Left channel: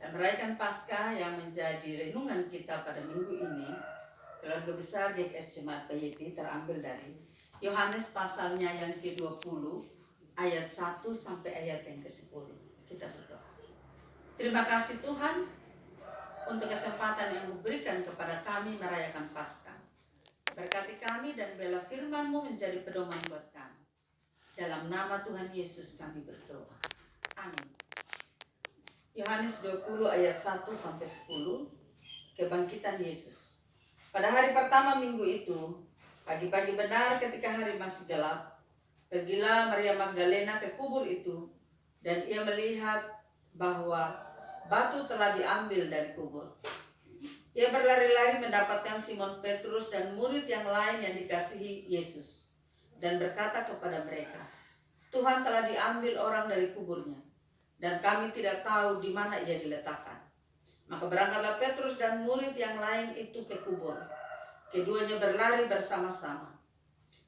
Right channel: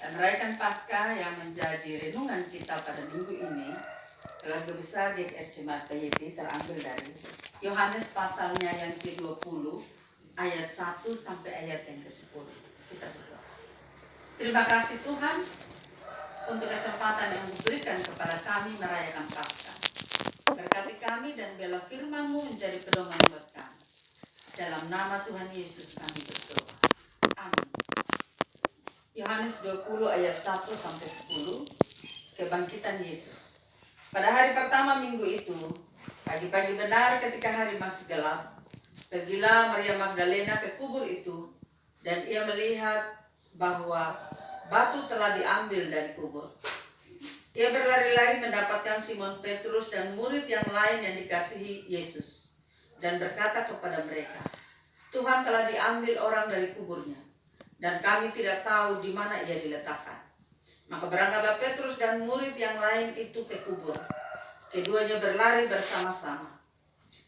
Dan merayakan Paskah yang menjadi renungan kita pada minggu ini, keluarga besar GKS Jemaat PYT terambil dari Yohanes pasalnya yang ke-20 ayat 1 sampai ayat yang ke-10. Kita berdoa. Terima kasih Tuhan untuk kesempatan yang diberikan kepada kami merayakan Paskah. Berkati kami dan bela firman-Mu menjadi pedoman buat kami. Dalam nama Tuhan Yesus kami berdoa. Amin. Yohanes 20 ayat 1 sampai 10. Kebangkitan Yesus. Pada hari pertama minggu itu, pagi-pagi benar ketika hari masih gelap, pergilah Maria Magdalena ke kubur itu, dan ia melihat bahwa batu telah diambil dari kubur. Ia berlari-lari mendapatkan Simon Petrus dan murid yang lain yang dikasihi Yesus, dan berkata kepada mereka, Tuhan telah diambil orang dari kuburnya, dan kami tidak tahu di mana ia diletakkan. Maka berangkatlah Petrus dan murid yang lain itu ke kubur. Keduanya berlari bersama-sama.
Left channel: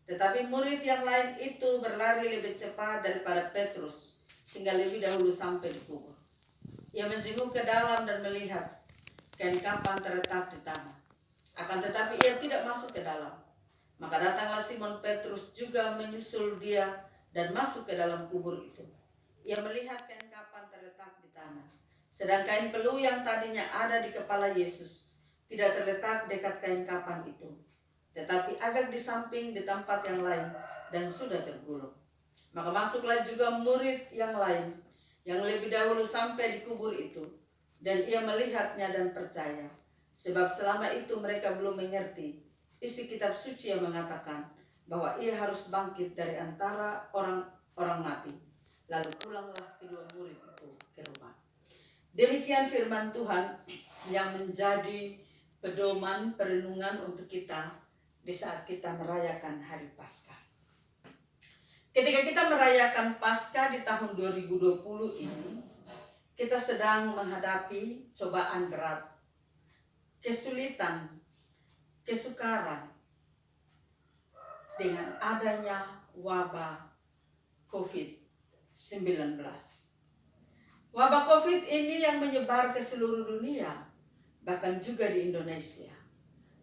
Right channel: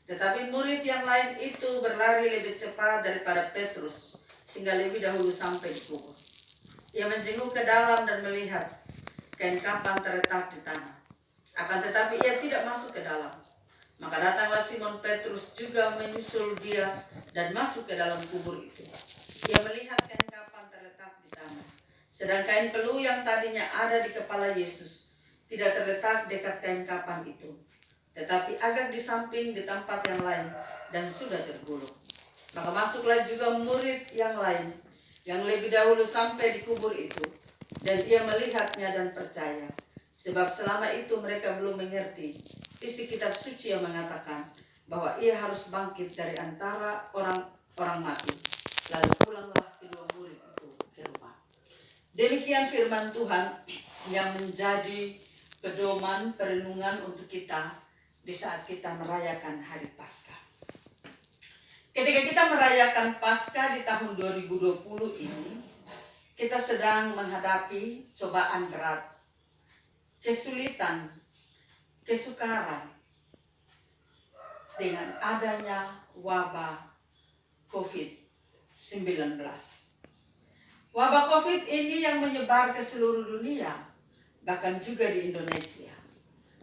Tetapi murid yang lain itu berlari lebih cepat daripada Petrus, sehingga lebih dahulu sampai di kubur. Ia menjenguk ke dalam dan melihat kain kafan terletak di tanah. Akan tetapi ia tidak masuk ke dalam. Maka datanglah Simon Petrus juga menyusul dia dan masuk ke dalam kubur itu. Ia melihat kain kafan terletak di tanah, sedang kain peluh yang tadinya ada di kepala Yesus tidak terletak dekat kain kafan itu, tetapi agak di samping di tempat yang lain dan sudah tergulung. Maka masuklah juga murid yang lain yang lebih dahulu sampai di kubur itu, dan ia melihatnya dan percaya, sebab selama itu mereka belum mengerti isi kitab suci yang mengatakan bahwa ia harus bangkit dari antara orang mati. Lalu pulanglah kedua murid itu ke rumah. Demikian firman Tuhan yang menjadi pedoman perenungan untuk kita di saat kita merayakan hari Paskah. Ketika kita merayakan Paskah di tahun 2020 ini, kita sedang menghadapi cobaan berat, kesulitan, kesukaran dengan adanya wabah COVID-19. Wabah COVID ini yang menyebar ke seluruh dunia, bahkan juga di Indonesia,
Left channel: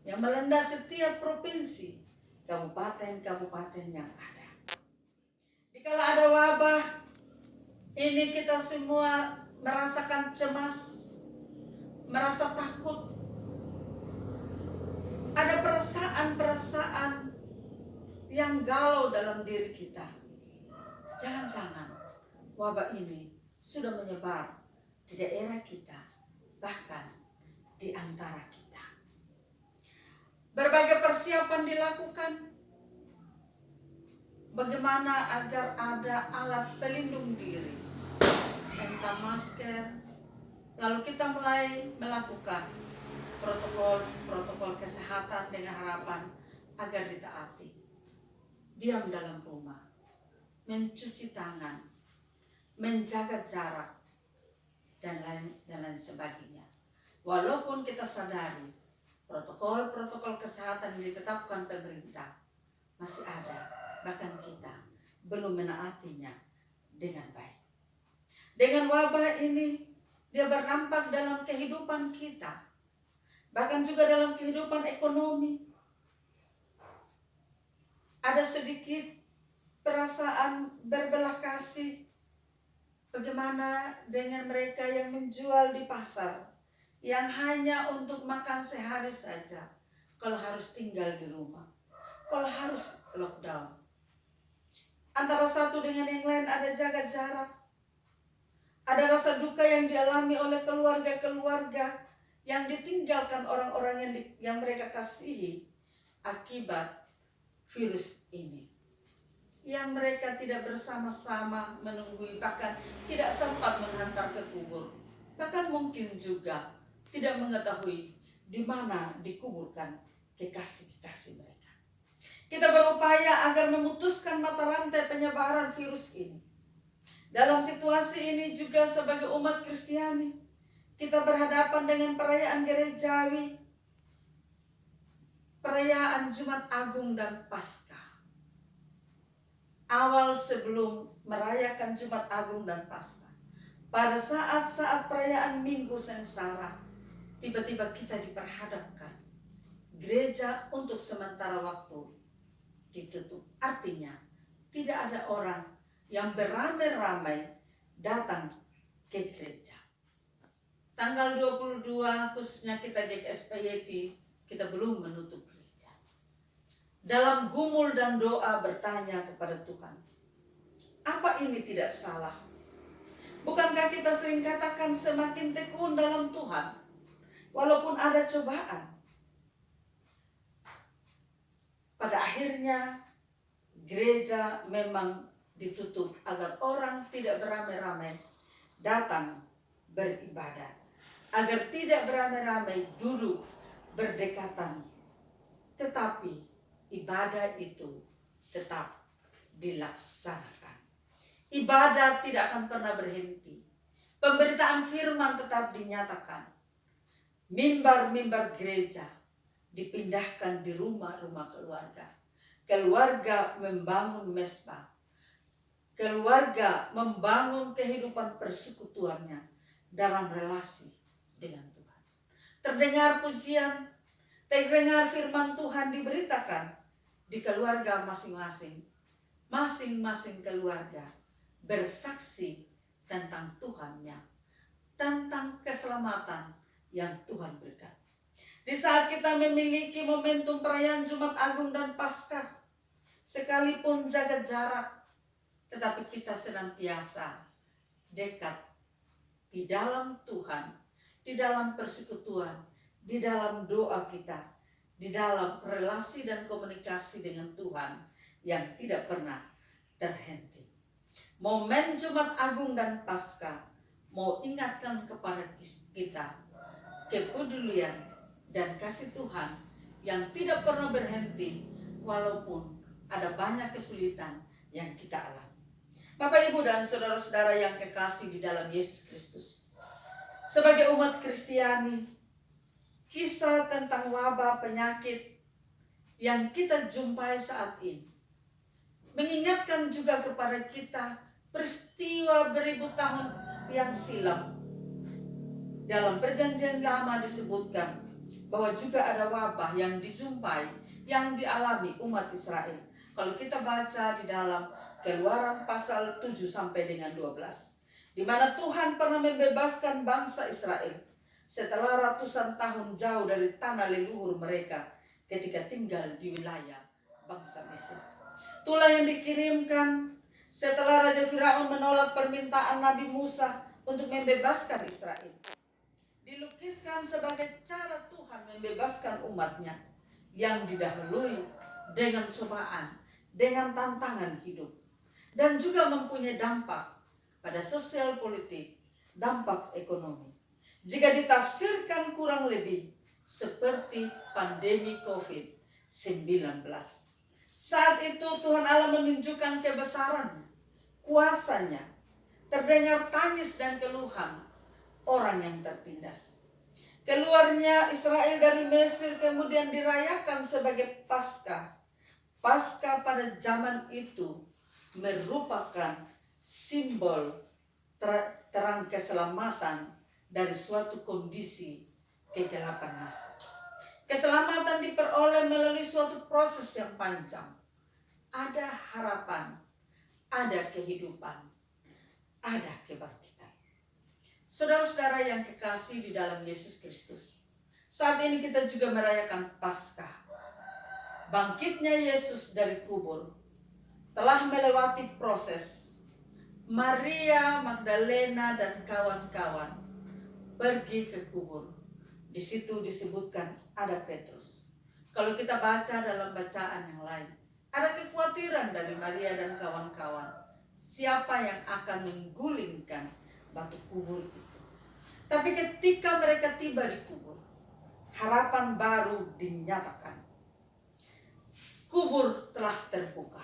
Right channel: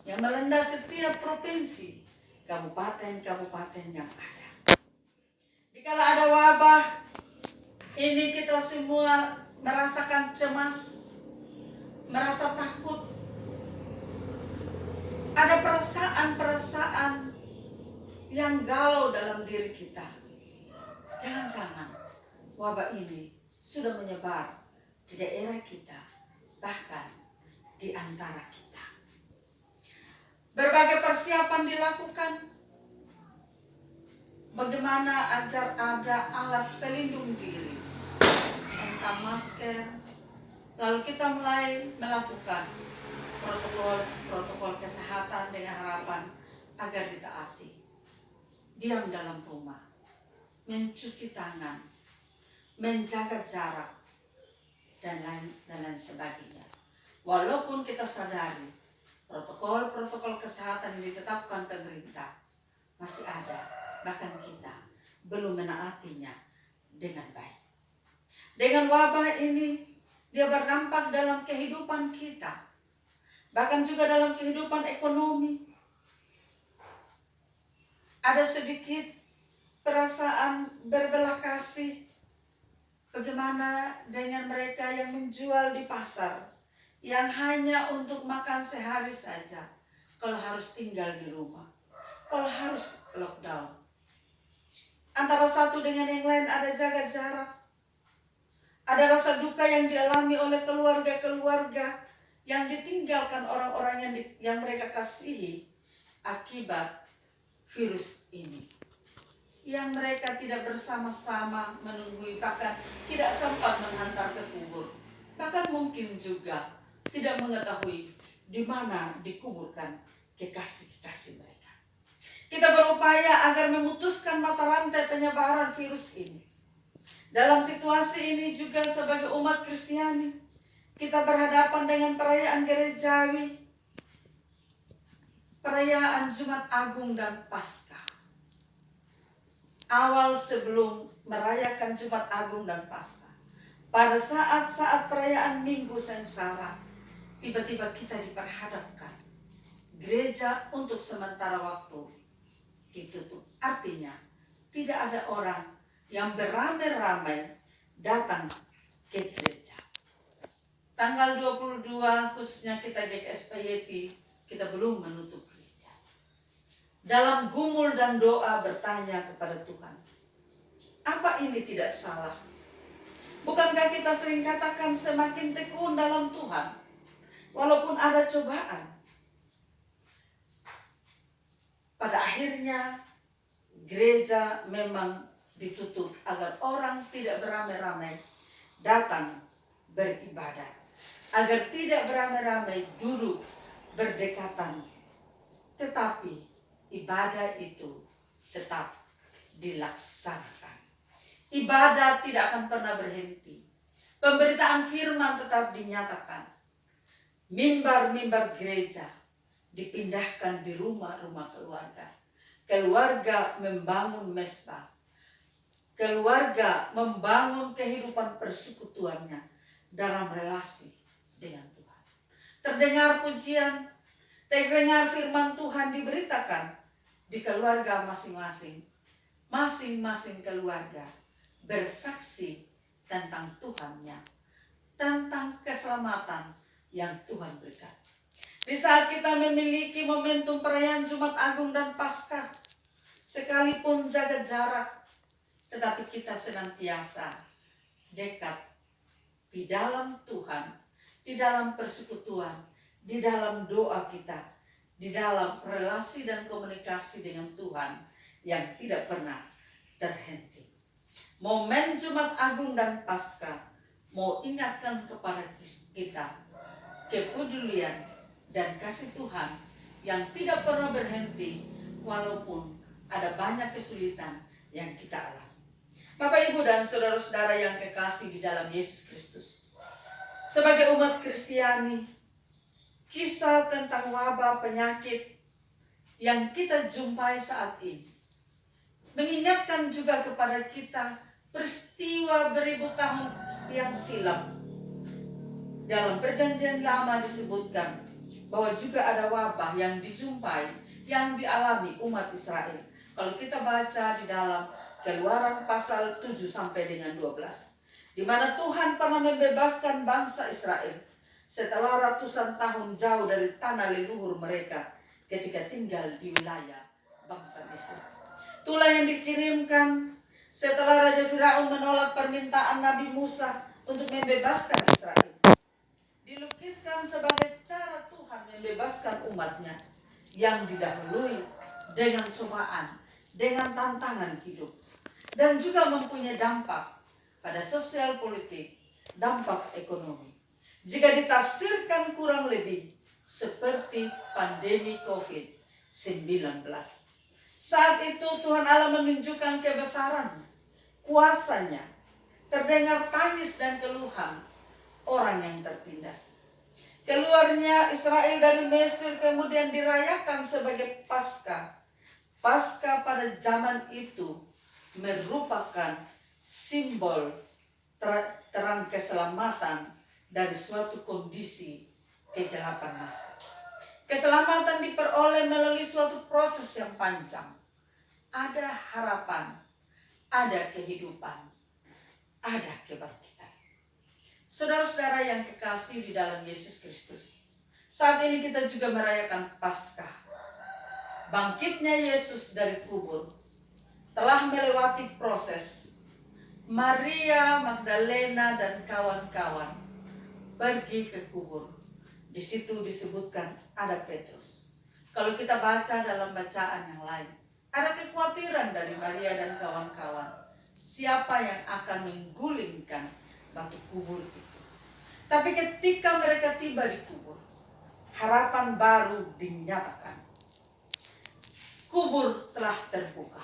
yang melanda setiap provinsi, kabupaten-kabupaten yang ada. Dikala ada wabah ini, kita semua merasakan cemas, merasa takut. Ada perasaan-perasaan yang galau dalam diri kita. Jangan-jangan wabah ini sudah menyebar di daerah kita, bahkan di antara kita. Berbagai persiapan dilakukan. Bagaimana agar ada alat pelindung diri, entah masker. Lalu kita mulai melakukan protokol kesehatan dengan harapan agar ditaati. Diam dalam rumah, mencuci tangan, menjaga jarak, dan lain sebagainya. Walaupun kita sadari protokol kesehatan yang ditetapkan pemerintah masih ada, bahkan kita belum menaatinya dengan baik. Dengan wabah ini, dia berdampak dalam kehidupan kita, bahkan juga dalam kehidupan ekonomi. Ada sedikit perasaan berbelas kasih. Bagaimana dengan mereka yang menjual di pasar, yang hanya untuk makan sehari saja, kalau harus tinggal di rumah, kalau harus lockdown. Antara satu dengan yang lain ada jaga jarak. Ada rasa duka yang dialami oleh keluarga-keluarga yang ditinggalkan orang-orang yang mereka kasihi akibat virus ini. Yang mereka tidak bersama-sama menunggui, bahkan tidak sempat menghantar ke kubur. Bahkan mungkin juga tidak mengetahui di mana dikuburkan kekasih-kekasih mereka. Kita berupaya agar memutuskan mata rantai penyebaran virus ini. Dalam situasi ini juga sebagai umat Kristiani, kita berhadapan dengan perayaan gerejawi, perayaan Jumat Agung dan Paskah. Awal sebelum merayakan Jumat Agung dan Paskah, pada saat-saat perayaan Minggu Sengsara, tiba-tiba kita diperhadapkan gereja untuk sementara waktu ditutup. Artinya tidak ada orang yang beramai-ramai datang ke gereja. Tanggal 22 khususnya kita GKSPYT, kita belum menutup gereja. Dalam gumul dan doa bertanya kepada Tuhan, apa ini tidak salah? Bukankah kita sering katakan semakin tekun dalam Tuhan, walaupun ada cobaan? Pada akhirnya gereja memang ditutup agar orang tidak beramai-ramai datang beribadah, agar tidak beramai-ramai duduk berdekatan, tetapi ibadah itu tetap dilaksanakan. Ibadah tidak akan pernah berhenti. Pemberitaan firman tetap dinyatakan. Mimbar-mimbar gereja dipindahkan di rumah-rumah keluarga. Keluarga membangun mesbah. Keluarga membangun kehidupan persekutuannya dalam relasi dengan Tuhan. Terdengar pujian, terdengar firman Tuhan diberitakan di keluarga masing-masing. Masing-masing keluarga bersaksi tentang Tuhannya, tentang keselamatan yang Tuhan berikan. Di saat kita memiliki momentum perayaan Jumat Agung dan Paskah, sekalipun jaga jarak, tetapi kita senantiasa dekat di dalam Tuhan, di dalam persekutuan, di dalam doa kita, di dalam relasi dan komunikasi dengan Tuhan yang tidak pernah terhenti. Momen Jumat Agung dan Paskah mau ingatkan kepada kita kepedulian dan kasih Tuhan yang tidak pernah berhenti walaupun ada banyak kesulitan yang kita alami. Bapak, Ibu, dan saudara-saudara yang kekasih di dalam Yesus Kristus, sebagai umat Kristiani, kisah tentang wabah penyakit yang kita jumpai saat ini mengingatkan juga kepada kita peristiwa beribu tahun yang silam. Dalam Perjanjian Lama disebutkan bahwa juga ada wabah yang dijumpai, yang dialami umat Israel. Kalau kita baca di dalam Keluaran pasal 7 sampai dengan 12, di mana Tuhan pernah membebaskan bangsa Israel setelah ratusan tahun jauh dari tanah leluhur mereka ketika tinggal di wilayah bangsa Mesir. Itulah yang dikirimkan setelah Raja Firaun menolak permintaan Nabi Musa untuk membebaskan Israel. Dilukiskan sebagai cara Tuhan membebaskan umatnya yang didahului dengan cobaan, dengan tantangan hidup, dan juga mempunyai dampak pada sosial politik, dampak ekonomi. Jika ditafsirkan kurang lebih seperti pandemi COVID-19. Saat itu Tuhan Allah menunjukkan kebesaran, kuasanya. Terdengar tangis dan keluhan orang yang tertindas. Keluarnya Israel dari Mesir kemudian dirayakan sebagai Paskah. Paskah pada zaman itu merupakan simbol terang keselamatan dari suatu kondisi kegelapan nasib. Keselamatan diperoleh melalui suatu proses yang panjang. Ada harapan, ada kehidupan, ada kebangkitan. Saudara-saudara yang kekasih di dalam Yesus Kristus, saat ini kita juga merayakan Paskah. Bangkitnya Yesus dari kubur telah melewati proses. Maria Magdalena dan kawan-kawan pergi ke kubur. Di situ disebutkan ada Petrus. Kalau kita baca dalam bacaan yang lain, ada kekhawatiran dari Maria dan kawan-kawan. Siapa yang akan menggulingkan batu kubur itu? Tapi ketika mereka tiba di kubur, harapan baru dinyatakan. Kubur telah terbuka.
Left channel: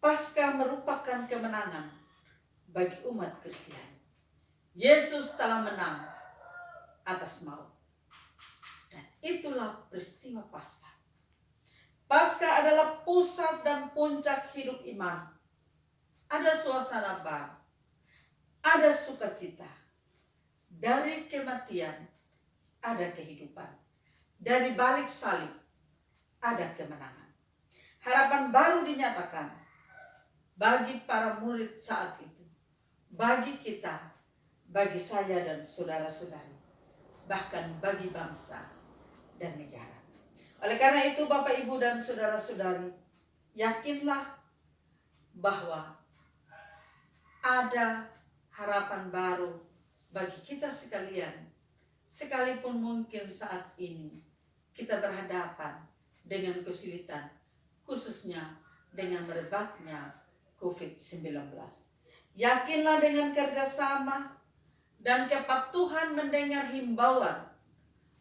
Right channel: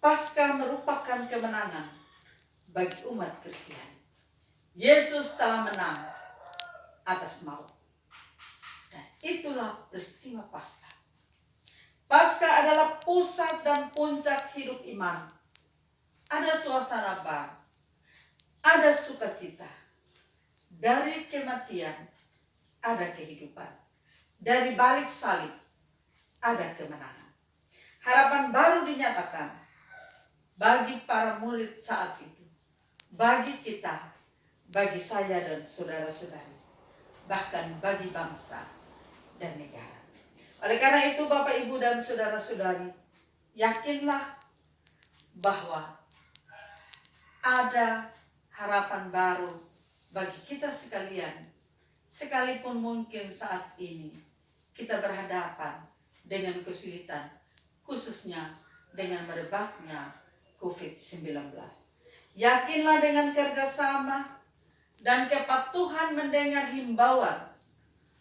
Paskah merupakan kemenangan bagi umat Kristiani. Yesus telah menang atas maut. Dan itulah peristiwa Paskah. Paskah adalah pusat dan puncak hidup iman. Ada suasana baru. ada sukacita. Dari kematian ada kehidupan. Dari balik salib ada kemenangan. Harapan baru dinyatakan bagi para murid saat itu, bagi kita, bagi saya dan saudara-saudari, bahkan bagi bangsa dan negara. Oleh karena itu Bapak, Ibu, dan saudara-saudari, yakinlah bahwa ada harapan baru bagi kita sekalian, sekalipun mungkin saat ini kita berhadapan dengan kesulitan, khususnya dengan merebaknya COVID-19. Yakinlah dengan kerjasama dan kepatuhan mendengar himbauan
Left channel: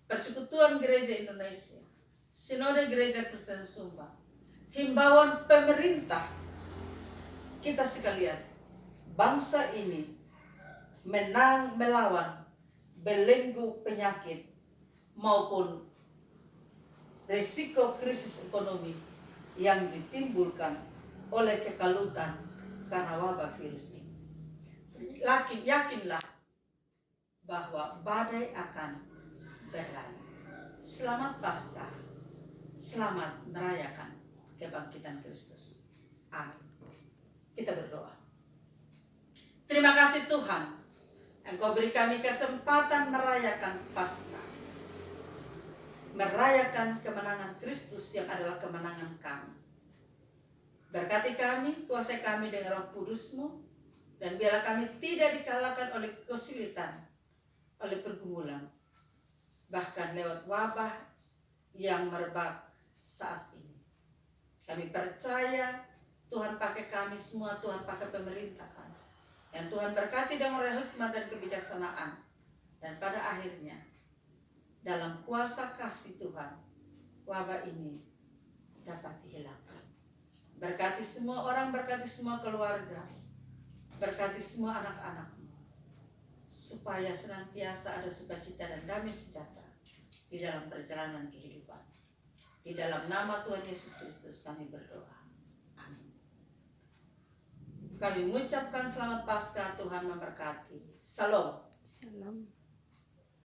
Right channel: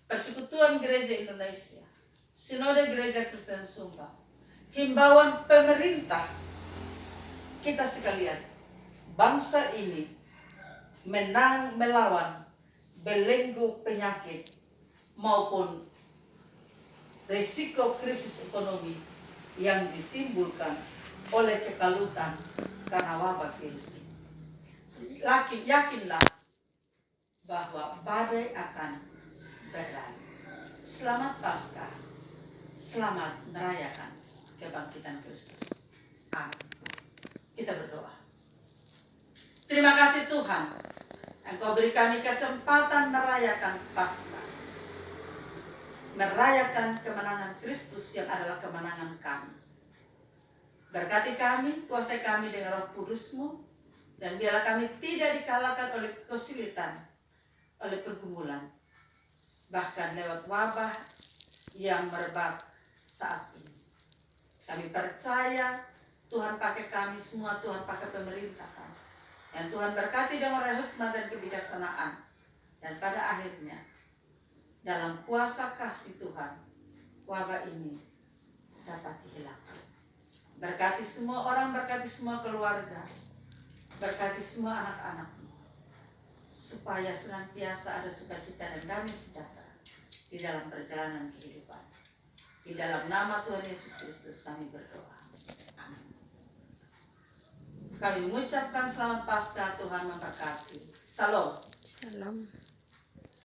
Persekutuan Gereja Indonesia, Sinode Gereja Kristen Sumba, himbauan pemerintah, kita sekalian, bangsa ini menang melawan belenggu penyakit maupun risiko krisis ekonomi yang ditimbulkan oleh kekalutan karena wabah virus ini. Yakinlah bahwa badai akan berlalu. Selamat Paskah, selamat merayakan kebangkitan Kristus. Amin. Kita berdoa. Terima kasih Tuhan, Engkau beri kami kesempatan merayakan Paskah, merayakan kemenangan Kristus yang adalah kemenangan kami. Berkati kami, kuasai kami dengan Roh Kudus-Mu, dan biarlah kami tidak dikalahkan oleh kesulitan, oleh pergumulan, bahkan lewat wabah yang merebak saat ini. Kami percaya Tuhan pakai kami semua, Tuhan pakai pemerintah kami. Dan Tuhan berkati dengan hikmat dan kebijaksanaan. Dan pada akhirnya, dalam kuasa kasih Tuhan, wabah ini dapat dihilangkan. Berkati semua orang, berkati semua keluarga, berkati semua anak-anakmu, supaya senantiasa ada sukacita dan damai sejahtera di dalam perjalanan kehidupan. Di dalam nama Tuhan Yesus Kristus kami berdoa. Amin. Kami mengucapkan selamat Paskah, Tuhan memberkati. Salam. Salam.